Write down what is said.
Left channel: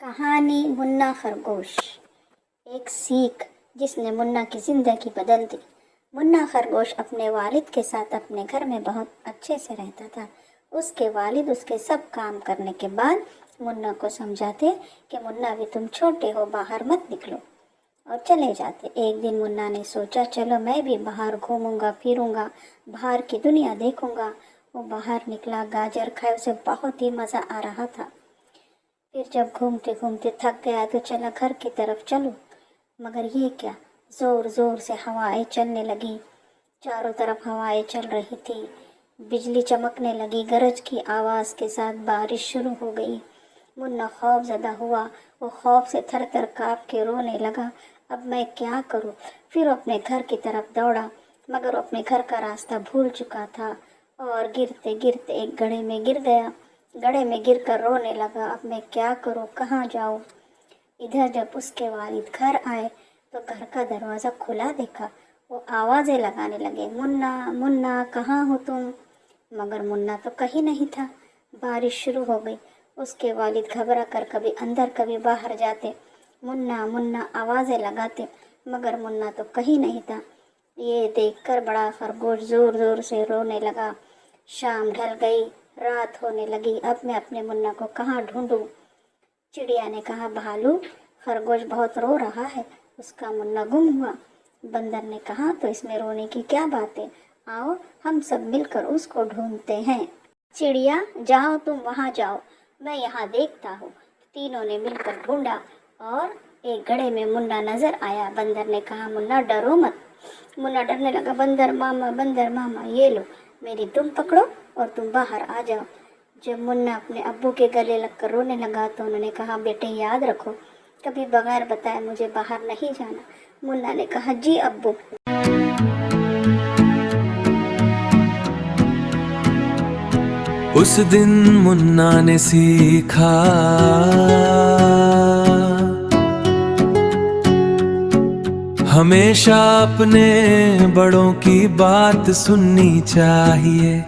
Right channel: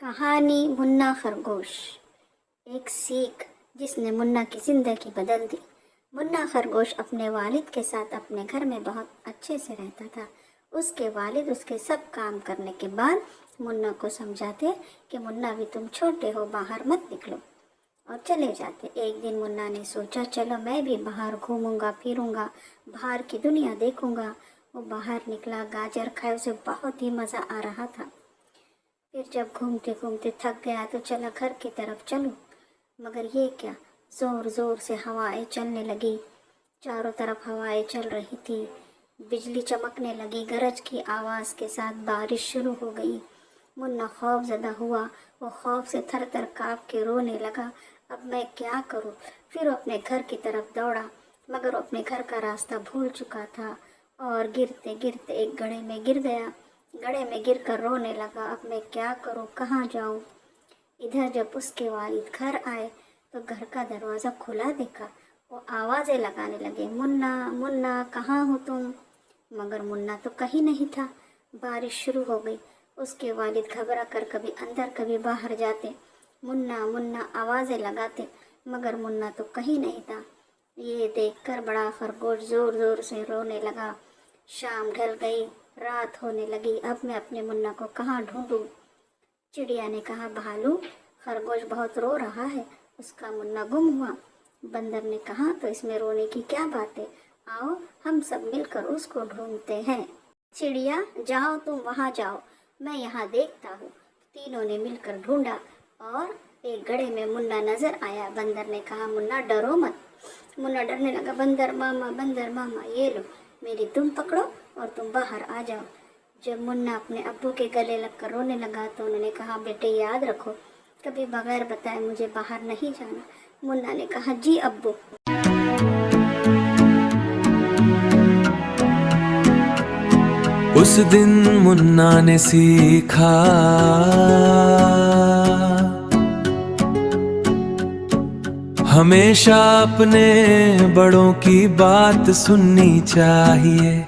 कहानी मुन्ना खरगोश। एक सीख जिसने मुन्ना की ज़िंदगी बदल दी। मुन्ना खरगोश अपने वालिद के साथ अपने घर में बहुत अच्छे से रहता था। उसके वालिद उसके सब काम करने के बाद मुन्ना को समझाते कि मुन्ना भी तुम छोटे हो, बाहर मत निकलो, और चले जाते। एक दिन मुन्ना ने सोचा चलो मैं भी बाहर घूमूंगा फिरूंगा, बाहर की दुनिया देखूंगा। वो बाहर निकला, गाजर खाए, उसे बहुत ही मज़ा आ रहा था। फिर जब घूमते घूमते थक गया तो चला घर की तरफ चलूं, मगर ये क्या, ज़ोर ज़ोर से हवाएं चलने लगी। चारों तरफ हवाएं चल रही थी, बिजली चमकने लगी, गरज की आवाज़ के साथ बारिश शुरू हो गई। मुन्ना खौफज़दा हुआ, वो खौफ से थर थर काँप के रोने लगा। अब मैं क्या करूं? फिर वो अपने घर की तरफ दौड़ा, मगर वो अपने घर का रास्ता भूल चुका था और गिरते गिरते एक गड्ढे में गिर गया। गड्ढे में गिरकर रोने लगा, अब मैं क्या करूं, कहाँ जाऊं? इधर जब उसके वालिद घर आए तो घर का दरवाज़ा खुला देखा। वो आवाज़ें लगाने लगे, मुन्ना मुन्ना कहाँ हो तुम? मगर मुन्ना तो कहीं नहीं था। बारिश शुरू हो गई। उसके वालिद घबरा कर कभी अंदर कभी बाहर जाते, मुन्ना मुन्ना आवाज़ें लगाते, मगर मुन्ना तो कहीं नहीं था। ये देखकर बड़ा खरगोश ज़ोर ज़ोर से रोने लगा। शाम ढल गई, रात होने लगी। अब मैं अपने मुन्ना को कहाँ ढूंढूं? चिड़िया ने कहा, भालू, खरगोश बहुत रो रहा है, उसका मुन्ना गुम हुआ। बंदर ने कहा, तो इसमें रोने की क्या बात है, आओ हम सब मिलकर उसको ढूंढते हैं। चिड़िया, जाओ तुम वहाँ जाओ, मैं यहाँ देखता हूँ। तीनों ने मिलकर ढूंढा और एक गड्ढे में मुन्ना नजर आया। बंदर ने कहा, मुन्ना डरो मत। मुन्ना डरने लगा, बंदर मामा ये लो मेरी दुम पकड़ो और तुम बाहर आ जाओ। जब मुन्ना अपने अब्बू के गले लगकर रोने लगा तो उन्होंने कहा, बेटे याद रखो, कभी बगैर बताए मुझे बाहर नहीं जाना। मुन्ना ने कहा, जी अब्बू। उस दिन मुन्ना ने सीखा हमेशा अपने बड़ों की बात सुननी चाहिए।